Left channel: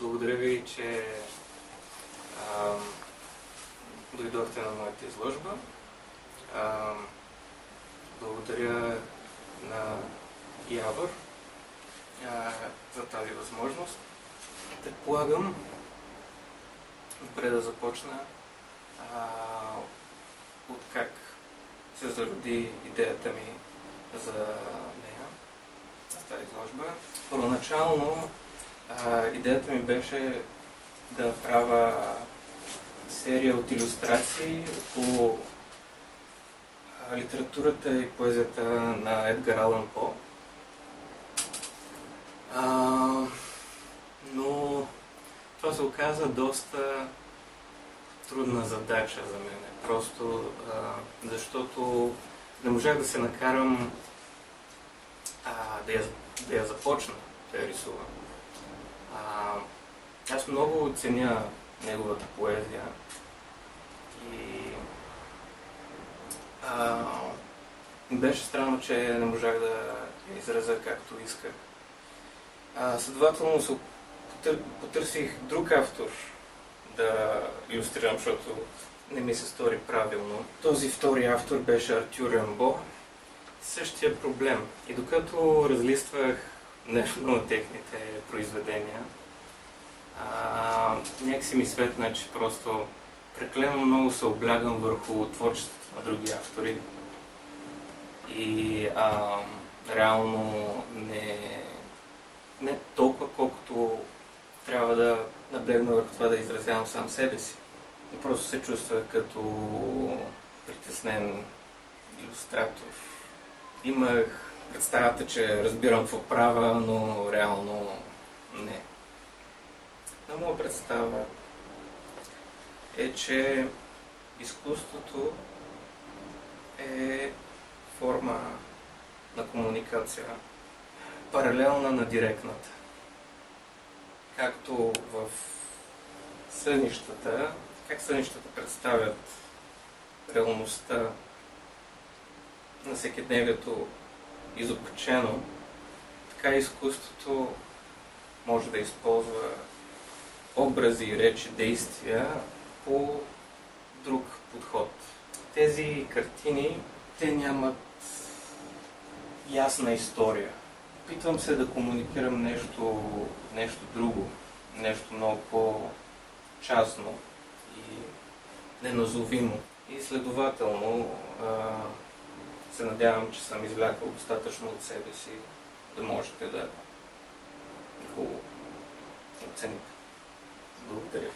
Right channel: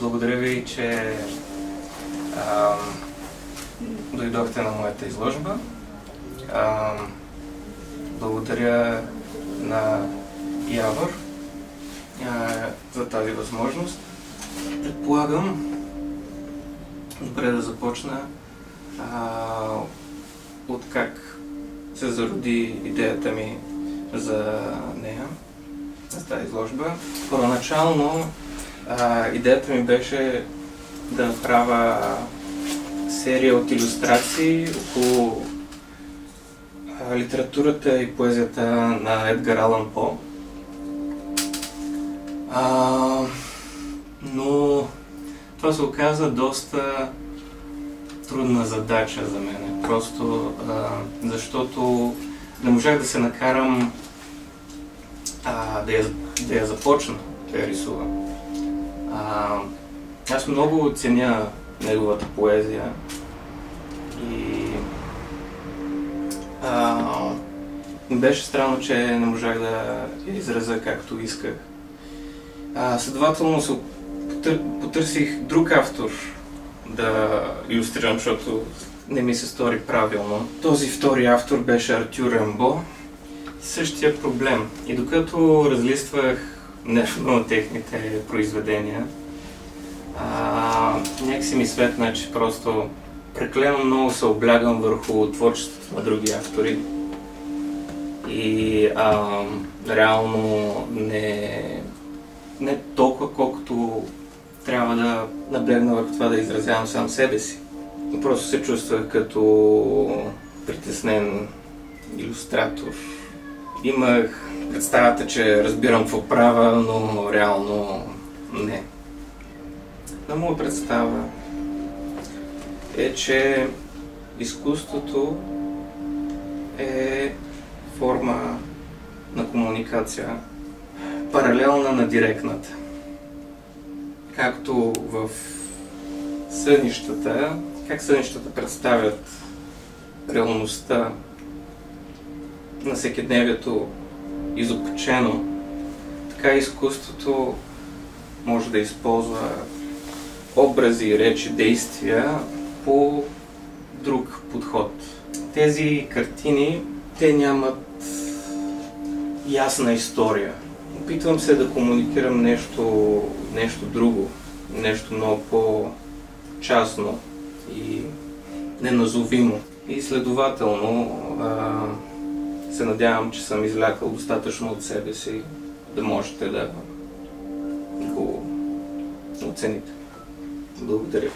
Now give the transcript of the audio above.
Благодаря ви, че дойдохте на моята изложба. Благодаря на Явор за тази възможност. Предполагам, добре да започна от как се зароди идеята ми за нея, за тази изложба. Първоначално идеята ми беше да направя серия от илюстрации около литературата и поезията на Едгар Алан По. Но това се оказа доста трудна задача за мен. Просто защото не можах да се накарам да я започна да я рисувам. Аз много ценя неговата поезия и беше странно, че не можах да я изразя както исках. Следователно се потърсих друг автор да илюстрирам, защото не ми се стори правилно. Този втори автор беше Артюр Рембо. Същия проблем. И докато разлиствах нещо на техните произведения, някакси ми светна, че просто прекалено много се облягам върху творчеството на други автори и реално не толкова, колкото трябва да наблегна върху това да изразявам сам себе си. Просто се чувствах като притеснен илюстратор. Имах представата, че разбирам какво правя, но реално не. На моя представа е, че изкуството е форма на комуникация, паралелна на директната. Както в сънищата, как сънищата представят реалността на всекидневието изопачено, така изкуството може да използва образи, речи, действия по друг подход. Тези картини, те нямат ясна история. Опитвам се да комуникирам нещо друго, нещо много по-частно и неназовимо. И следователно се надявам, че съм излякал достатъчно от себе си да можете да го оцените. Благодаря.